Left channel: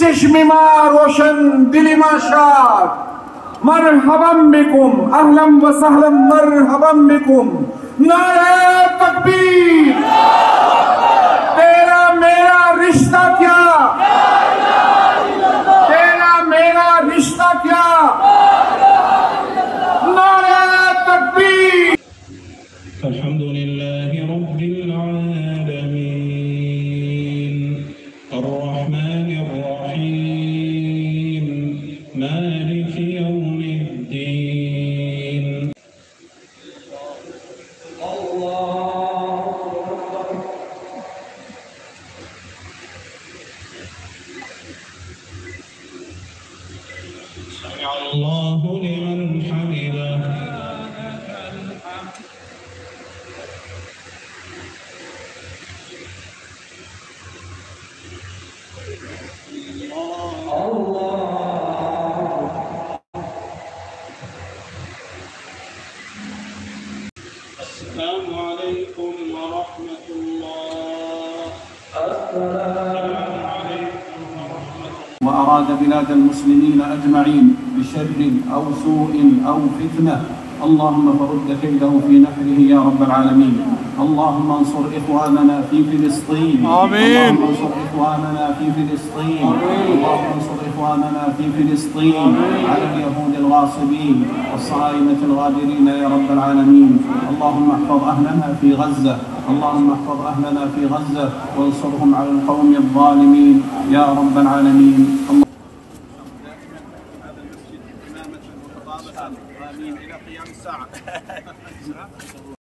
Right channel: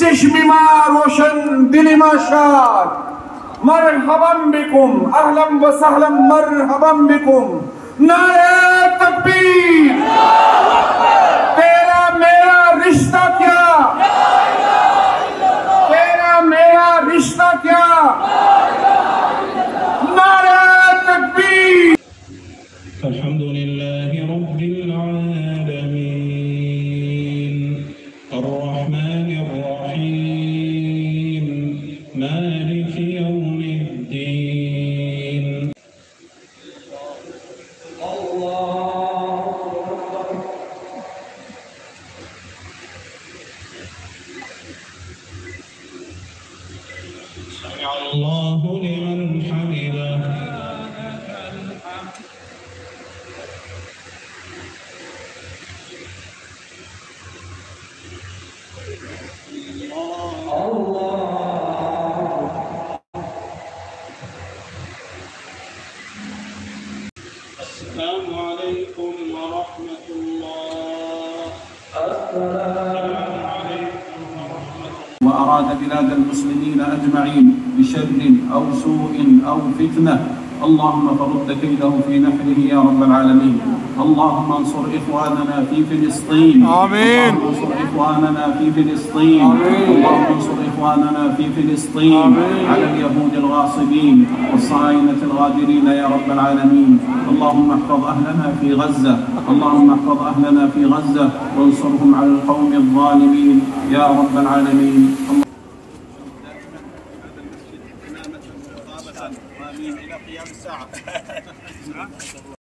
चश्मे रोशन दिली शाद मरहबन बिकुम अहलन व सहलन मरहबन बिकुम नारे तकबीर तेरा मेरा रिश्ता क्या तेरा मेरा रिश्ता क्या नारे तकबीर अल्हम्दुलिल्लाहि रब्बिल आलमीन अर्रहमानिर रहीम मालिकि यौमिद्दीन समिअ अल्लाहु लिमन हमिदह السلام عليكم ورحمة الله. السلام عليكم ورحمة الله. وأراد بلاد المسلمين أجمعين بشر أو سوء أو فتنة اللهم فرد كيده في نحره يا رب العالمين. اللهم انصر إخواننا في فلسطين. آمين. اللهم انصر إخواننا في فلسطين. آمين. اللهم انصر إخواننا في فلسطين. آمين. على اليهود الغاصبين والصهاينة الغادرين يا رب العالمين. اللهم احفظ أهلنا في غزة. اللهم احفظ أهلنا في غزة وانصرهم على القوم الظالمين يا رب العالمين. هذا المسجد إمامة وخطابة وآمين إلى قيام الساعة.